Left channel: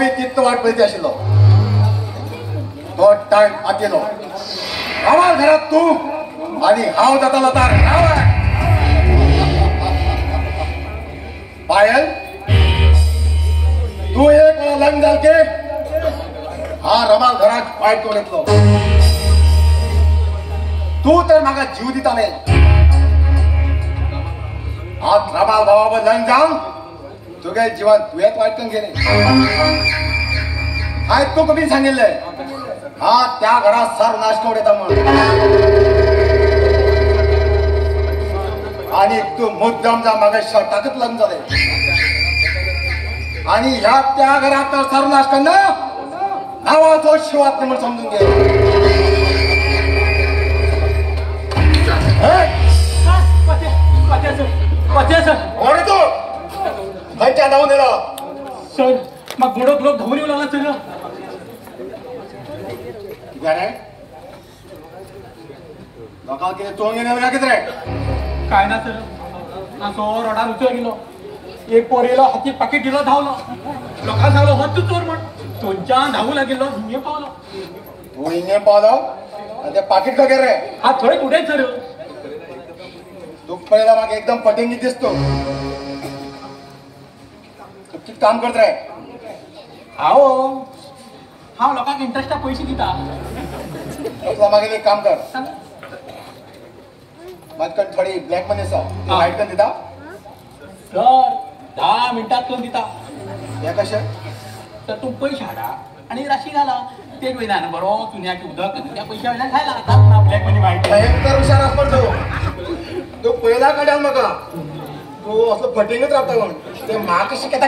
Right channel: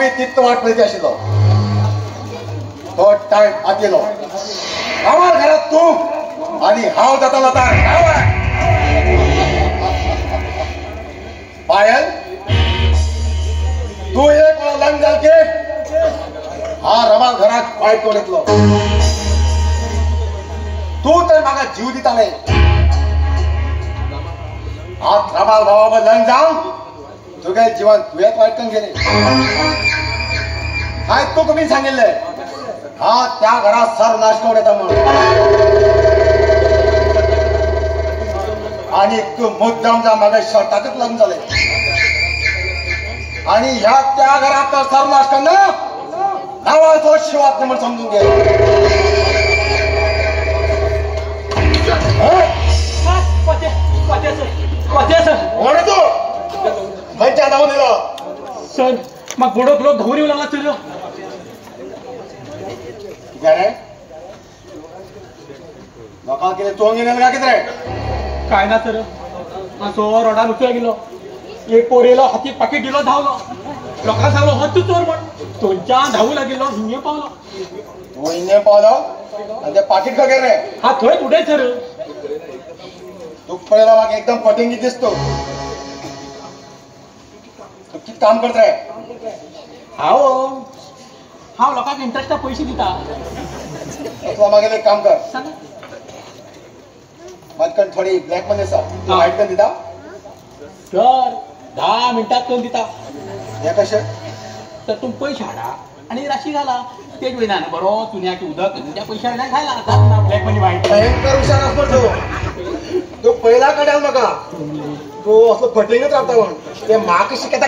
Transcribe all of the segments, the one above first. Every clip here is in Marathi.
बी तितको वाट पळयता आशिल्लो तो टायम आतेलो रावार घरात तू आणि हांव जातालो आता पायल तू एक वेळा लग्न जालके हा रमाल घरात वायट करून येतलो तू तर म्हाका जीव दिताले आज रमाल बाबा लग्न जावन तुगे जीवन तुवेच वायट करून गेले आज तू कमी सांगितले हा त्या घरात सर्वनाश करून येता म्हणून आणि तू मुद्दाम जा मागे शर्टाकच लग्न झाले आणि ह्या त्या घरात सर्वनाश करणं नावाचा शिवात म्हणून समजून घे कोण आहे तू खायच्या जाऊन दिला सर मग गोडो तुला धुवून येऊ लागला तुला लोकांना किती चोंग येणार का किती काय ना सर असो रोडा उचल गेलो एक पोरेलो हाती पाकिट दिलो धावलो लोकांना सांगलो हो तू चोर म्हण तुमच्या धावू लागेलो हिंगे पावलो तू हिंगे पावलो आणि ते पाकिट का रे हा थोडे कुठे सर तू पहिला माग एकदम पटेंगी दिसतो तू किती काम करत रे हाओ हा लोकांना इंटरेस्ट पैसे दिता मागे एक काम कर माझ्याकडे थोडी ब्लॅक मध्ये लाईट पण दिता सर 10 मिनिटात करून दिता हे कसे तर तू पैसे हाडा आणि राशी घाला ते वेळा बरो चुन्याची उदक तुझ्या पैसे हाडा खायला आता ना ब्लॅक मध्ये वाईट भयंकर हुशार असतो तू पहिला काढाव नका तू असं फटेंगच राहता म्हणून ते माक शिकता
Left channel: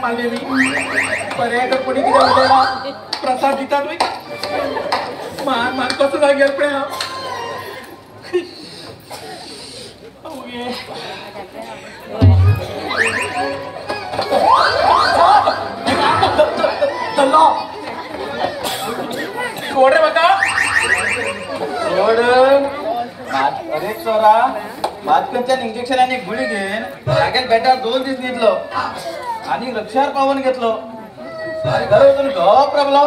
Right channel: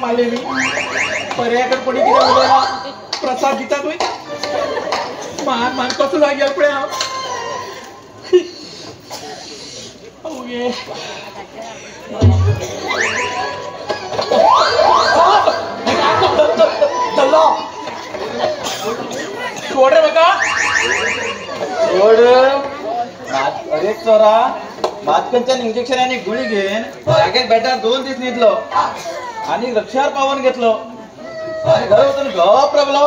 मारलेली पर्याय कोणी किती उद्या प्रसाद दिता तुम्ही मान मान कसं लागेल पुढे सोड रे बघा सोड अरे चोरा बातकनच्या इंजेक्शन आणि गुळी घेऊन मागेल बेटा 2 दिवस निघलो आणि लक्षात पावन घेतलो अरे घरातून गप रबलो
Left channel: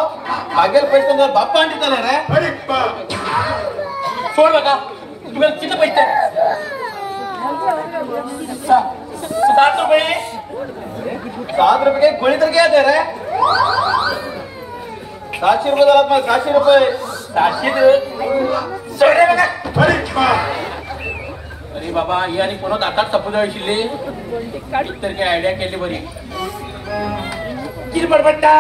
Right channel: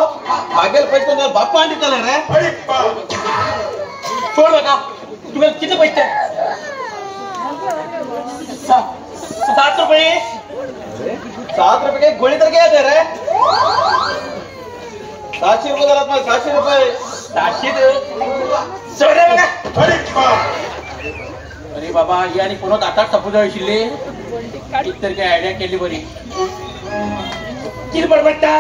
मागेल पेटून बाप्पा निघाले रे सोड बघा तुम्ही किती पैसे 7 रुपये 7 रुपये की गोळी तर घ्यायचे रे 700 रुपये झाला मग 700 रुपये 700 अरे बाबा ही आणि कोणा आताच सपून जायशिल्ली तर काय आयडिया केली बरी किती बडबडता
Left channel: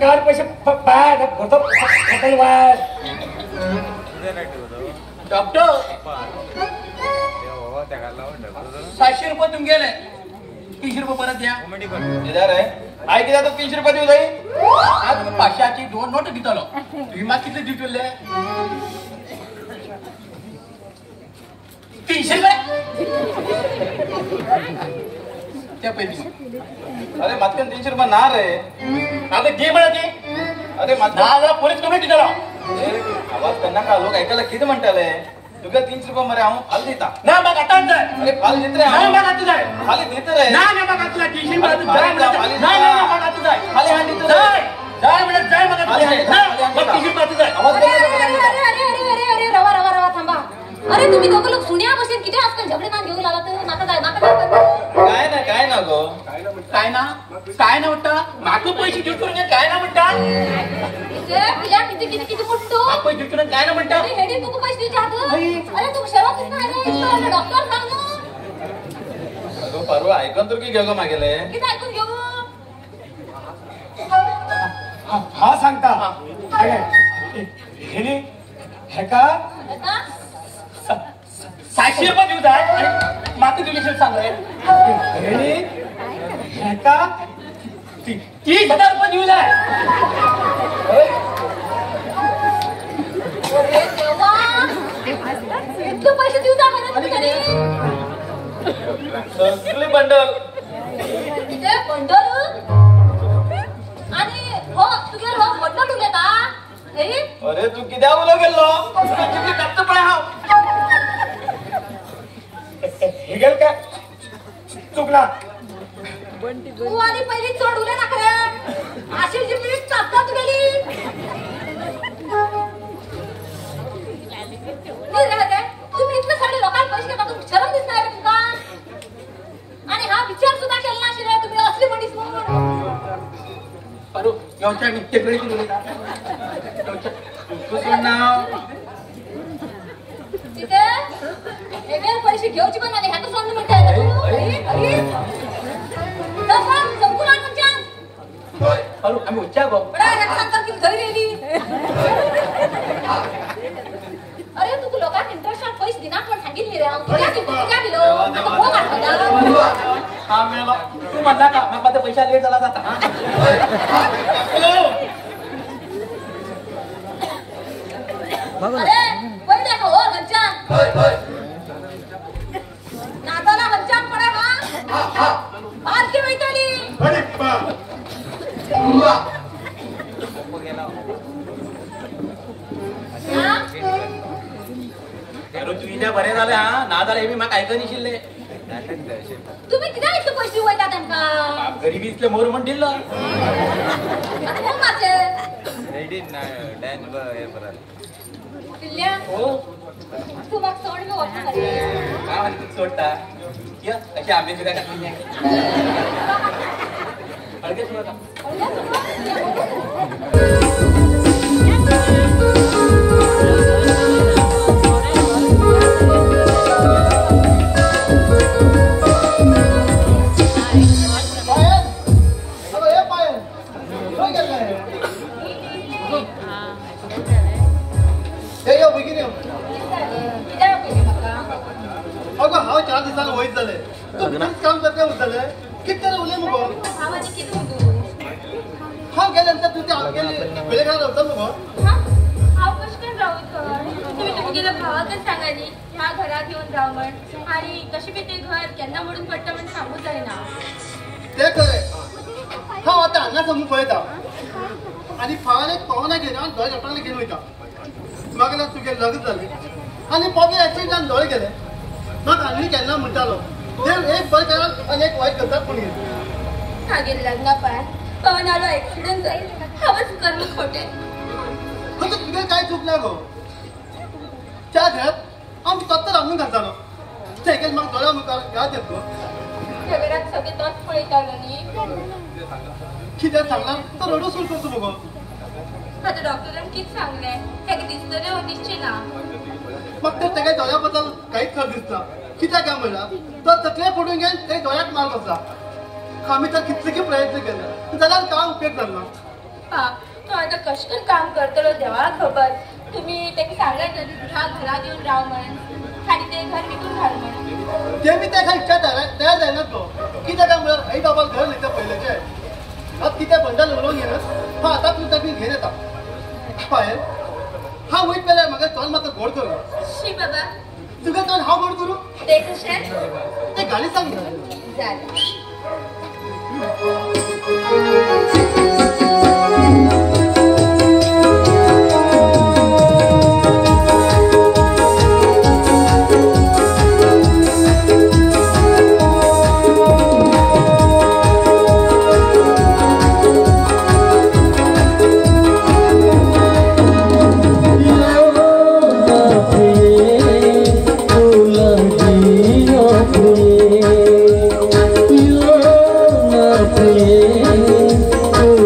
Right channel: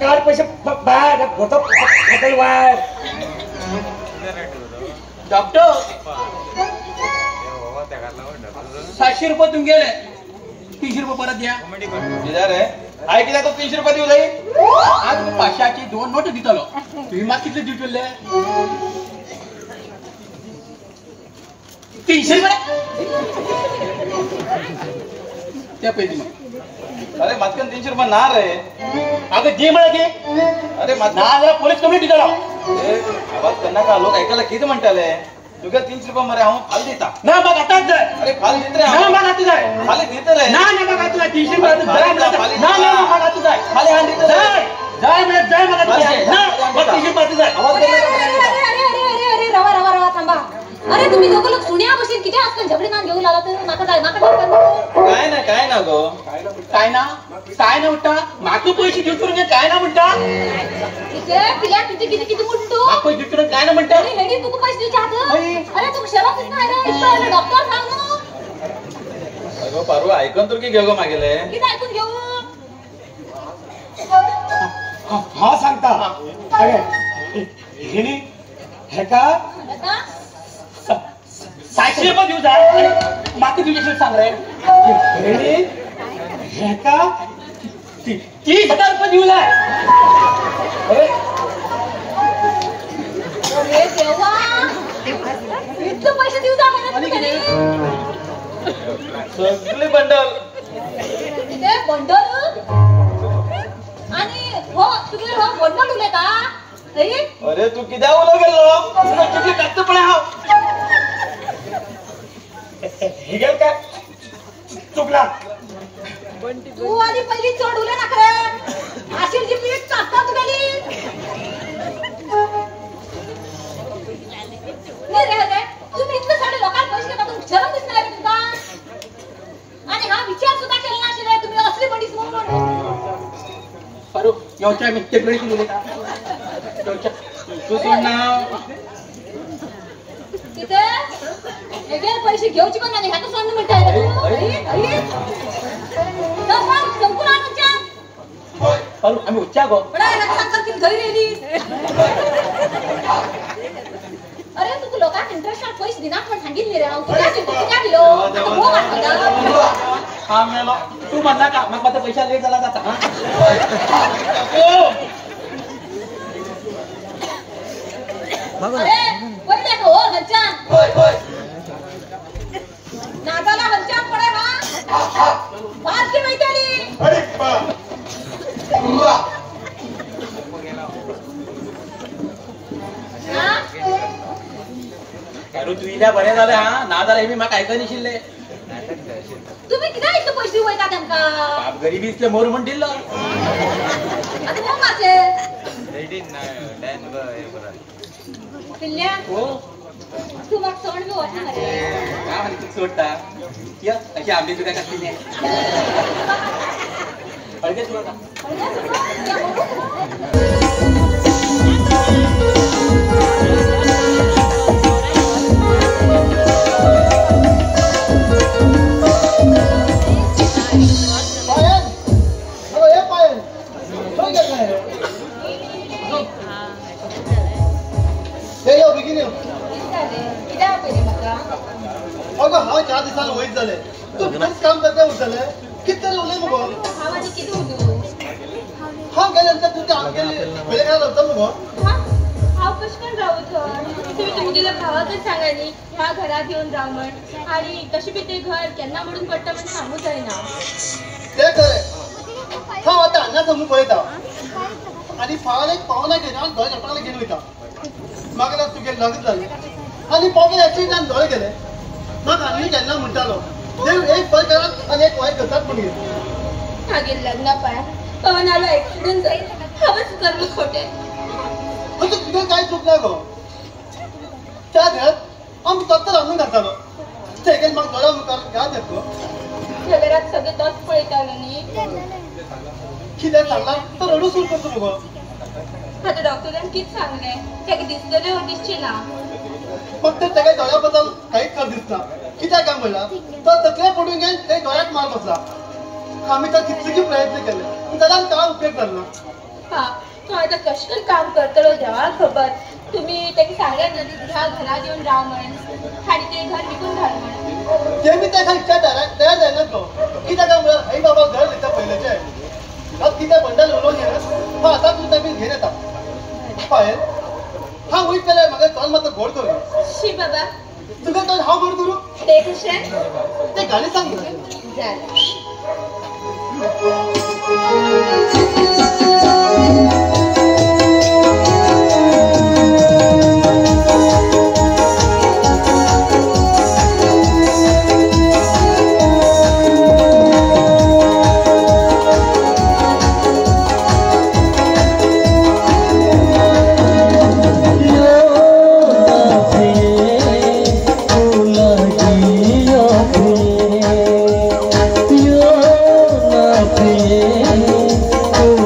कार पैसे बाद होतो हॉटेलवर डॉक्टर 700 रुपये तुम गेले 300 रुपये परत द्या इधर है आय किती तो 300 रुपये देऊ जाई आज 500ची 2 नोट दितलो तुम्ही मा किती दिटले 300 त्या पैसे अरे मतकन 300 रुपये ना रे अबे दे मला दे अरे मत ना पोलीस कंप्लेंट करा आवाज त्यांना का लोक ऐकायला किती म्हणताले तुझे 300 रुपये मरे आहो फाल देता ना मग आता जाय अरे फाल देत रे ना मग आता जाय फाल देत रे ना ना मग आता 300 रुपये ना ना मग आता जाय फाल हांडी जाय जाय बेटा जाय मग आता जाय ना मग 300 रुपये जाय अरे रवा रवा रवा थांबा अरे तुम्ही दोघं लोक सुन्या बसेल किती आजकाल झगडे ना घेऊन आला तर नाका जाय काय ना गो काय ना म्हणता मागं पैसे देऊ करून काय ना म्हणता इथे पिल्या किती किती किती मोठो पैसे देऊ करून काय ना म्हणता अरे हेडी तू पैसे दे चाहत अरे तू सेवा करत नाही रे इथं डॉक्टर सांग ना अगो पारू ऐकून तर की घेऊ गो मागेले किती ऐकून घेऊ हा सांगता हे हे का आता 700 रुपये देऊ जाय मागं दिलेशन सांग रे हे का 30,000 रुपये देऊ जाय अरे देवा इतके पैसे देऊ जा मला सगळे बंडल ते बंडल आणि हो तुझे हो बंडल दिले का अरे अरे तू किती उलो गेलो तुझे कापतो पडे हा हे गेल काय चुकला तू आधी पहिली चोड उले नाकऱ्या अशी जी मी कापतात गेली नाही रे तुम्ही इतकं सारे लोकांना पैसे टाकून शरम दिसत नाही रे तुका आणि हा विचार सुद्धा केला ना अशी तुम्ही असली बडीच म्हणून अरे योच्या मी केकडे केली तू सोड ना तिथे वेगळे पैसे घेऊची पण नाही ह्याचं सामने मिळतंय अरे आम्ही उच्चा गो अरे तू लोकांना इंटरेस्ट पैसे दिना पण सांगितले रे काय दिलो हा मेला तू म्हणला का मग माझा पैसा लेट झाला जाता अरे पहिले हो हंचान नागाला हंचान पडे हा बात की मैत्रिणी अरे बा अरे तू इथं बरे झाले हा ना झाले मी मग ऐका निशिल्ले तुम्ही किती इतके पैसे वयता त्यांना बाप गरीबी इसले मोर म्हणून दिलं आता मग माझे पिल्ल्या हो तू मग सोड मी वाटत रे काय म्हणतो सोडता या अशी आंबे तुझ्या खाती अडके सोडा काम करते उरतले किती उलय मुगो भावाने किती होतो हा गेल्यानंतर तुझ्या पहिले काय करतो मुगो हा कश पण राहू तुम्ही गेला भावातच सांगाली ह्या घरात येऊन राव म्हण आणि कशी बी ते घर केन्ना म्हणून पडतं पण सांगू जायना ते खरे हा आता अन्ना समोर पळयता आणि फावाले पावना घेऊन आणि दोन जपणाला घेऊन वयता मग ना तुगे लग्न झाले आणि पॉके याची जाण दोळे गेले मग आम्ही केन्ना म्हणटालो देव एक बल करत आणि एक वाईट करतात म्हणून मागील लग्न पाय पवनाला ऍक्सिडेंट जाईल हवंच करणं खोटे पण तू तुझे काय चुकला गो त्या घरात आम्ही तत्तर आणून घालतालो सेकंड मग दोळा मुखार घाल देतो या घरात सगळे तोच पळतालो न्ही कित्याक सांगला तर रडू सुरू करतो मुगो आता डॉक्टरांनी किती सांगले हे की दिसतले हो दिसचे ना मग ते सगळ्या दोळ्याबद्दल काहीच खरं दिसना कित्याक काय म्हणला तर तकल्या पडून गेल काही दोळ्यात मार बसला आम्ही तर कितले प्रयत्न केले त्याला काय उपयोग करना हा तो आता कशकन काम करतलो देवा खबर तुम्ही ते सांगले नदी ह्या घरात येऊन राव म्हणून आणि ते घर विकून घाल म्हणून ते मी त्या इच्छा तयार जायना तो कित्याक काय म्हणला आई बाबा घर लिहितं पहिलेचे अब कित्या बंडल उडवून घेणस हा आता तू त्या घेऊन येता पायल हा वैट केल्या मग तोंड मात्र गोड करू शी बाबा तुका तोंड हा गोड करू ते कसे ते गाणी सांग झालं Oh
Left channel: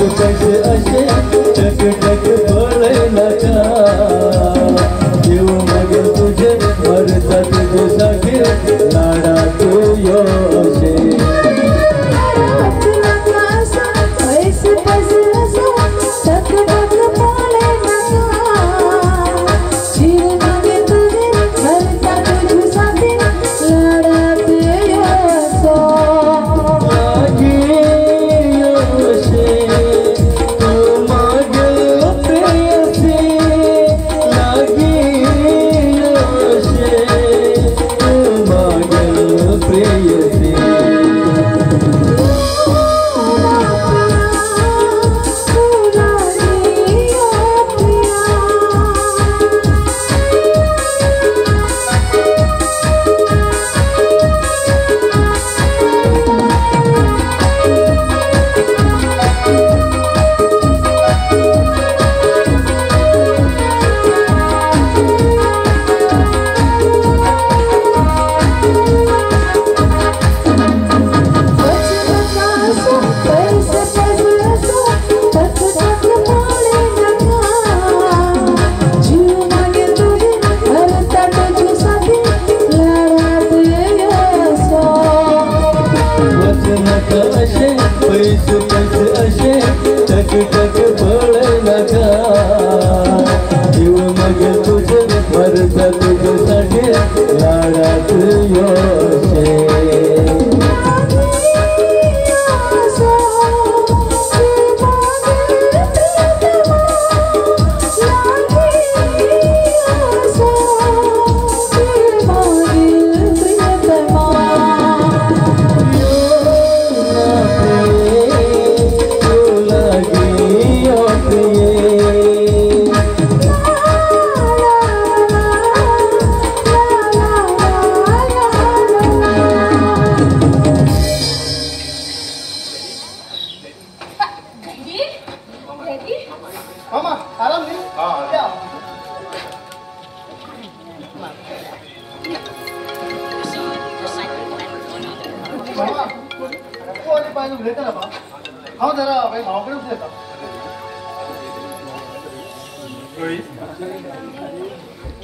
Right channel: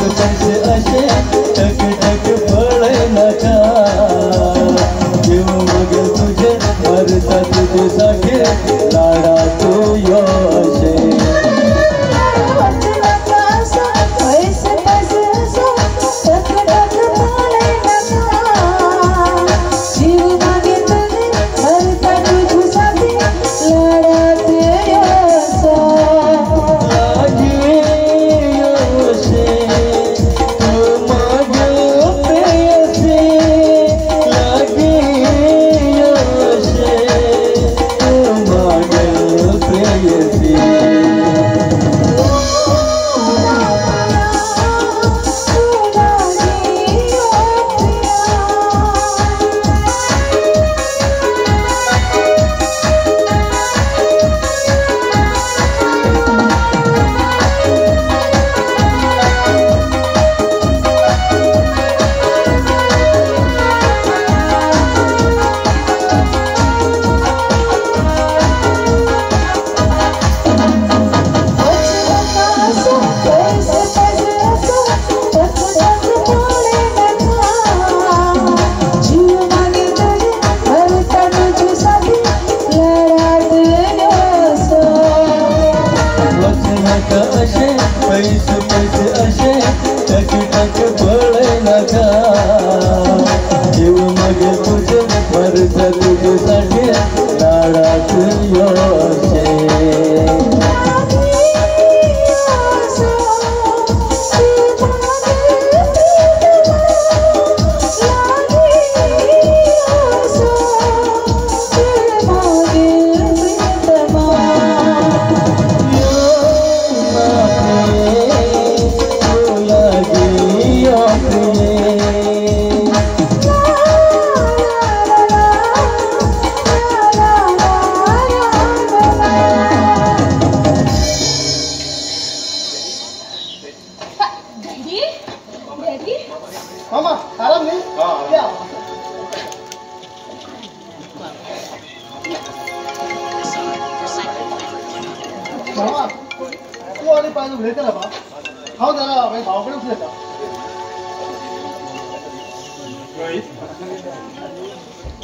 पैसे असे टक टक पळे नका देऊ मागेल तुझे मरता तुझ्यासाठी लाडात यो असे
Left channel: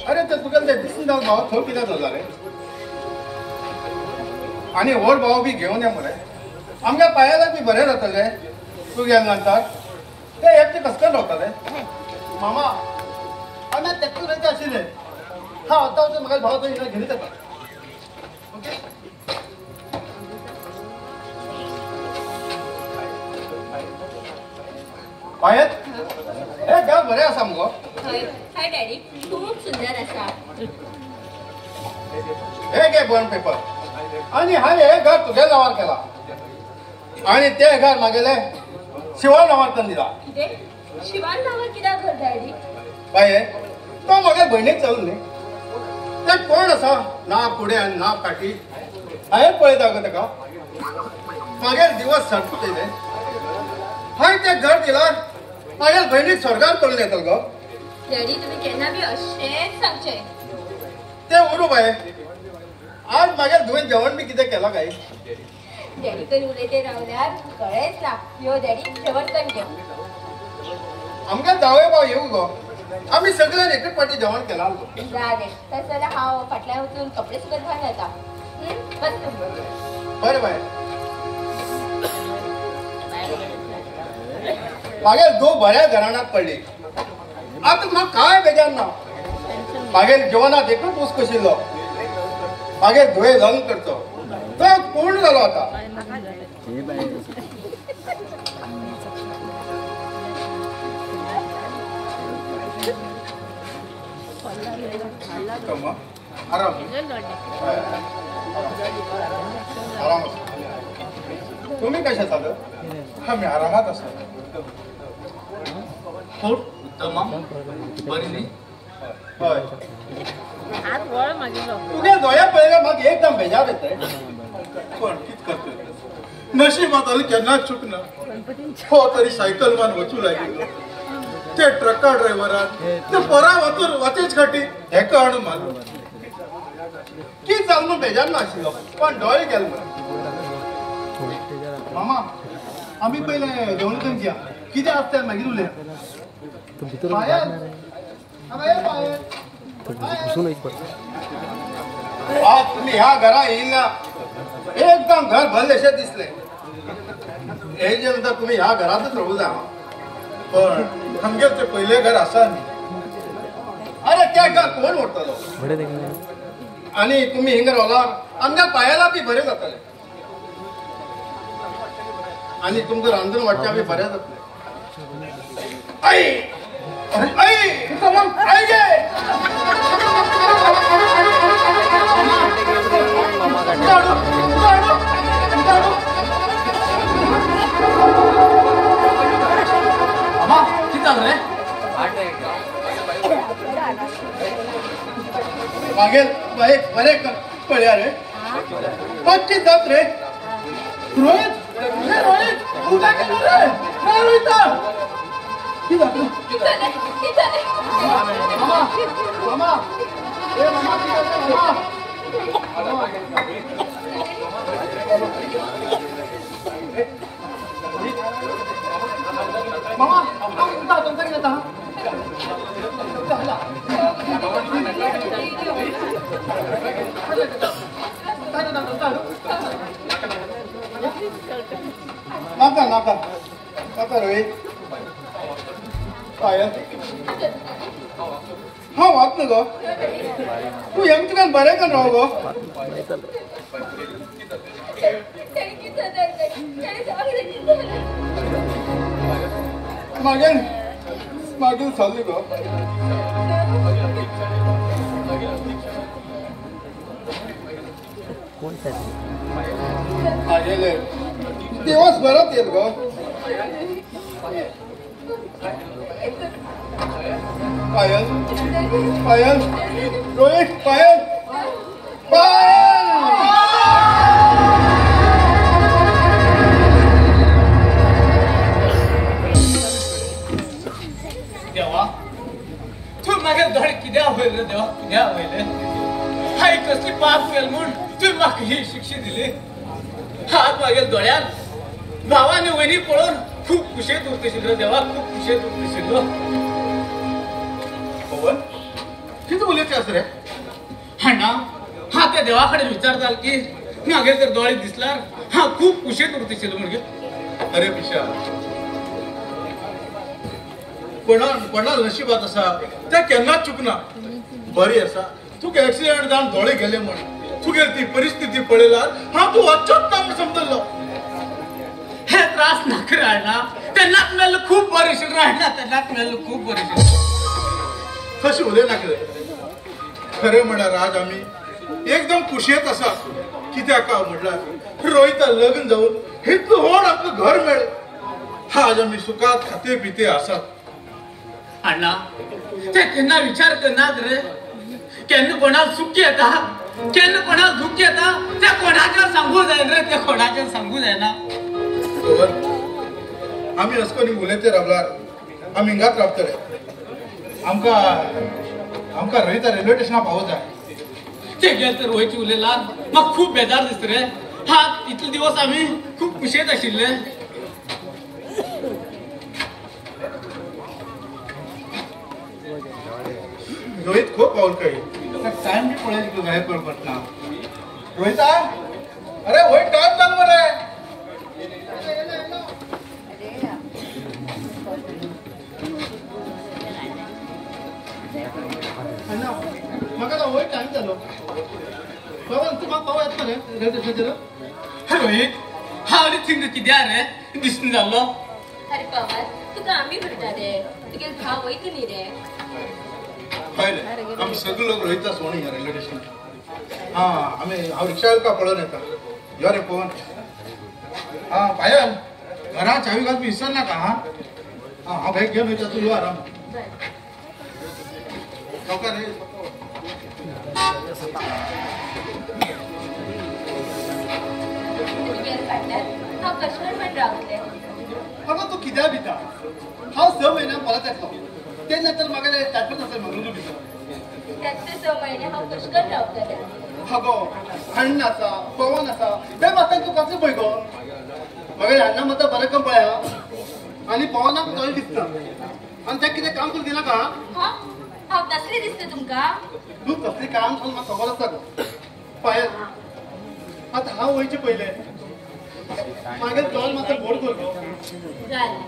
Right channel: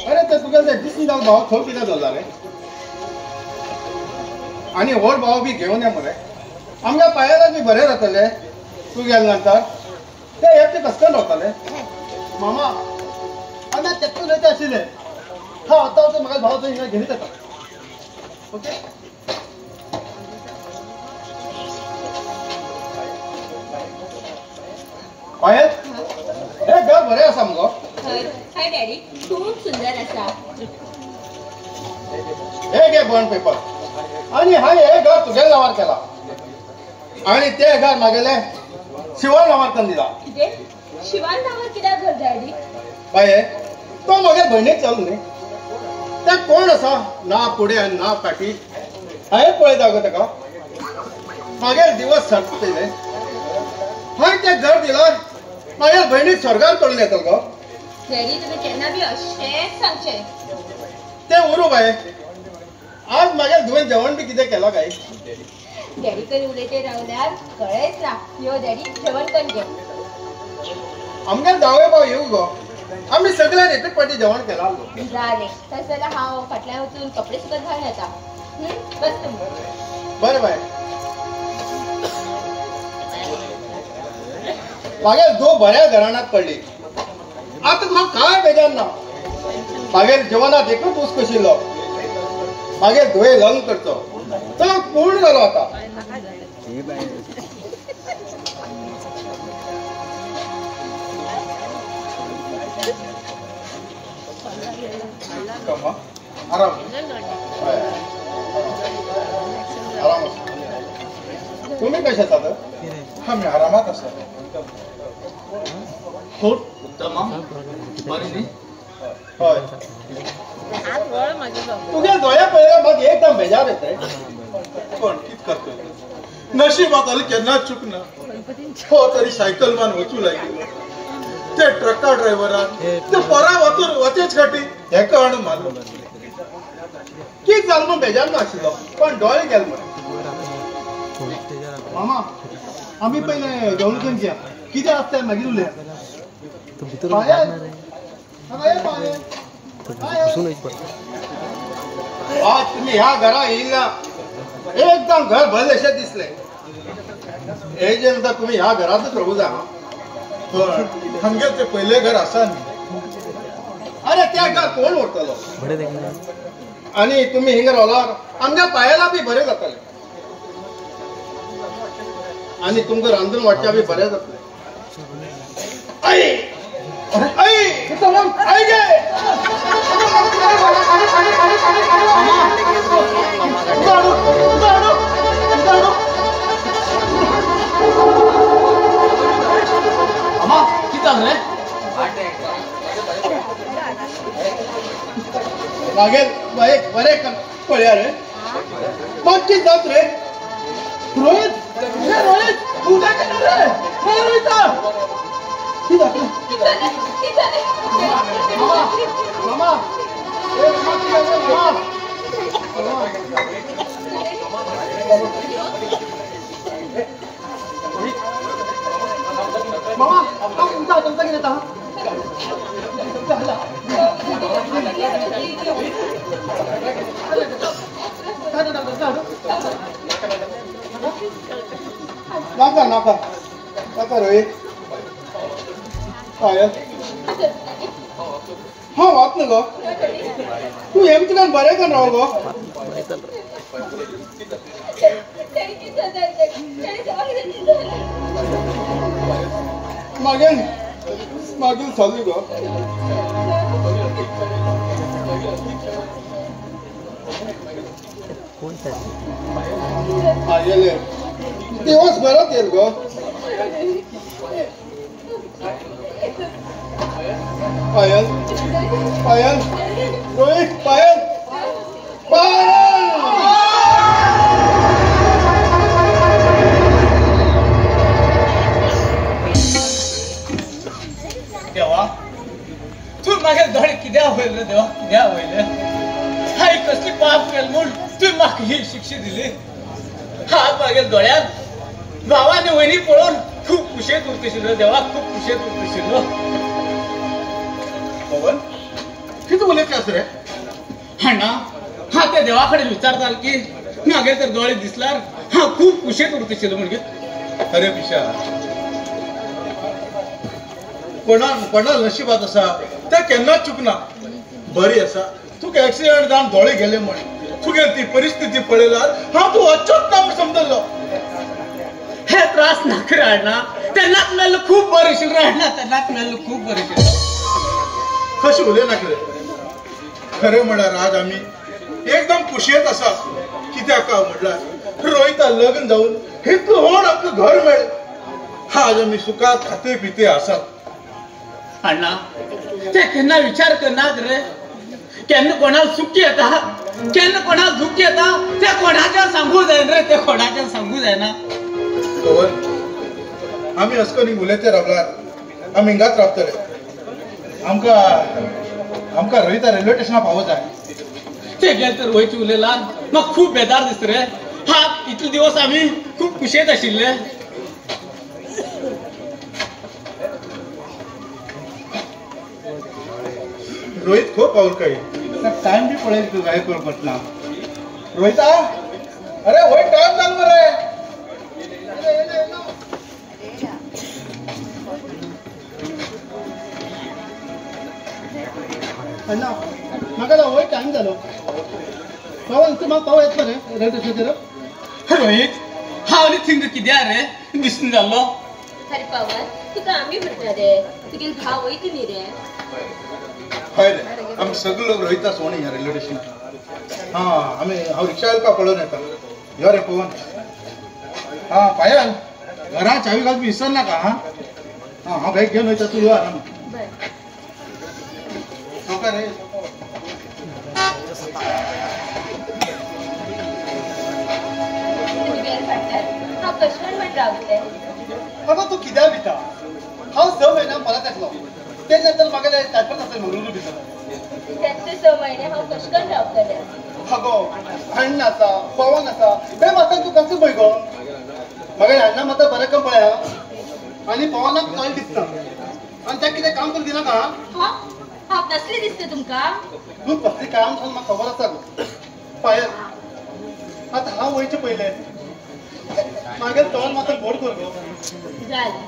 अरे ते तुका ते दिसून जाऊ भाव थो कितें जाला रे आनी व्हड भाव बी घेवन ये मरे आमच्या पायाला बी बरें जातले तूं गेले नंतर ते एकटे कसकान रावतले मामा आमी तेतून येता आशिल्ले हा आतां तो म्हाका भाव तो हिने घेवन येता ओके पायत हे घर बरें आसा मुगो हाय डॅडी खूप सुंदर असा हे घे बॉन्ड पेपर आणि हाय हे घर तुझ्या नावार केला आणि ते घर मागेले शिवान नावार करून दिला कितें शिवान नावार कित्याक घर डॅडी काय तो मागे भयणीक चल न्ही ते कोण आसा ना फुडें आनी ना फाटी हांवें पळयता गो ताका मागे दिवस सरतले हांवें तें घर दिला मागे भयणीक स्वर्गार करून येतलो गो डॅडी तुम्ही केन्ना बी अशेंच सांगचे ते उरू बाय आज मागे तुवें जेवण बी कितें केलां काय डॅडी तरी उलयते रावल्यार कळ्ळेच ना यो डॅडी जेवण कर घे आमगे जावळे भाव येऊ गो आम्ही सगळ्यांनी एकूच पाटी जेवण केला जालें तस जाल्यार हांव फाटल्यान वचून कपडे सुद्दां घाल येता बस तुम्ही बरें बाय मागे दो बऱ्या घराण्यात पडली आता म्हाका काय बेजार ना मागे जेवणात एकूच ऊस कशिल्लो मागे धुळे लग्न करचो तो पूर्ण जालो आता तुम्ही कशा आसात आम्ही आरामात असतो हय तुगे दोळे पळयल्यार म्हाका एकदम बेजार येता पण कित करतो नशिबात आली केन्नाच चुकना हो तरी सायकल मान वचू लागलो ते ट्रका ड्रायव्हरान ते पोरा वचून वचेच खाटी हे कळण मारलो कित जालें म्हूण बेजार नाशिल्लो पण दोळे गेले मरे मामा आम्ही पहिले दौलकेन घ्या किती असते मागीर उलया आज तुम्ही ह्या घरा येईल ना एकदम घर भरलेशे दिसले हे जे म्हणता तुम्ही ह्या घरातच राहू जा पण आमगे ते पहिले घर असन अरे त्या घर कोण ओढतलो आणि तुम्ही हिंगर ओलावर आमच्या पायाला बी बरे जातले आणि तुमचं रांधून वाटच्या बी बरे जातले आई आई आई गे मागेल बाई बरे पळ्या रे पक्की जात रे रोहित रोहित तू काय करणार रे रोहित मामा नका रोहित पायल हा वाच ना गो तू हेम तुला बरं का राहू गो मागील चालू गो दिवस बरं येईल गो पायल पायल रोहित पायल पायल देवा तू माझ्या धड कित्या होईल रे देवा कित्या होईल हाय कसली पाप केल म्हूण तू म्हाका ही शिक्षा दिली हात मागेल दोळ्यात भावाने वहिनी पळून खूप कुशेत उरतशील देवा खूप कुशेत उरतशील पवन किती उलयतास रे हाणा हा त्या देवाकडे विचारताल की मागे तर दोळे दिसल्यार हा खूप कुशेत उरतशील म्हणजे अरे पिशा कोणा नशिबात असा त्या केन्नाच चुकना बरी असा तुका ऍक्सिडेंट जावन दोळे गेले म्हण तुगे ती परिस्थिती पळयल्यार हा तू अच्छोच काम समजलो हे त्रास नाक राहणार त्यांनाच मेल खूप बरेशील राहणार त्यांनाच मेल खूप बरेशील कशी उलय नाकरे खरं म्हणाल आज आम्ही एकदम कुशेत असा कित्याक म्हटल्यार रोहिता लग्न जाऊन हे तू होण आपलं घर मेळ आज आम्ही सुखात खाते पिते आसात अण्णा ते केन्ना विचार करनात रे केन्ना कोणाला सुख येता केन्ना कोणाला दुःख येता ते कोणाच्या सांगू जाय रे ते कोणाच्या सांगू जायना आम्ही असकनी उलयते रावल्यार आम्ही हिंगात रावतले आमका रोहिता रेल्वे स्टेशनार पावत जाय ते गेल तर वयची उलयला म्हाका खूप बेजार दिसता रे हा इतले दिवस आम्ही खूप कुशेत आशिल्ले रोहित खूप पावल काही टाइम बी पळेल तू गाय बरोबर ना रोहिता अरे वय टाइम जालो रे अण्णा म्हाका वय टाइम जालो पवन तू म्हाका पाव येत मरे रेल्वे स्टेशनाचेर रोहित हा आनी थिंग कित्या रे दिसून जाल्लो अरे पवन तुका आम्ही म्हणटा रे तुगे भाव वयता न्ही रे हय रे आम्ही सगळे लोक रोहिता सोणी ह्या रेल्वे स्टेशनार हा आम्ही हांव रिक्षा का पळोवन येता यो रे पवन हा पायल घरा चावी घालून विसर नाका हा हांव बॅग घेवन वयता तू यो आराम नौका रे हांव कशें म्हण रावतले अगं तू कित्याक भिता हांव 6 म्हयन्यान परत येतलो ते नंतर म्हाका ताटपण आसलें मंगळूर भितर त्याचे 6 महिने हांव कशें करून रावतले अगो अण्ण आसा पवन आसा ते म्हाका तूं कशें पळय गो म्हाका ह्यांना मात्र बरें काम पळया आनी पवनाक चड दिसता आनी तें कितें काम करून दिना का हा हांव नसली दिसता तुमका तूं कसलें काम करून म्हाका खबर आसा गो पायल आतां हांव वयचें पयलें मागीर तोल मात्र गोड कर गो जालें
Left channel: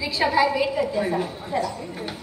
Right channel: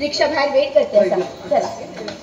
रिक्षा बाहेर वेट करते चला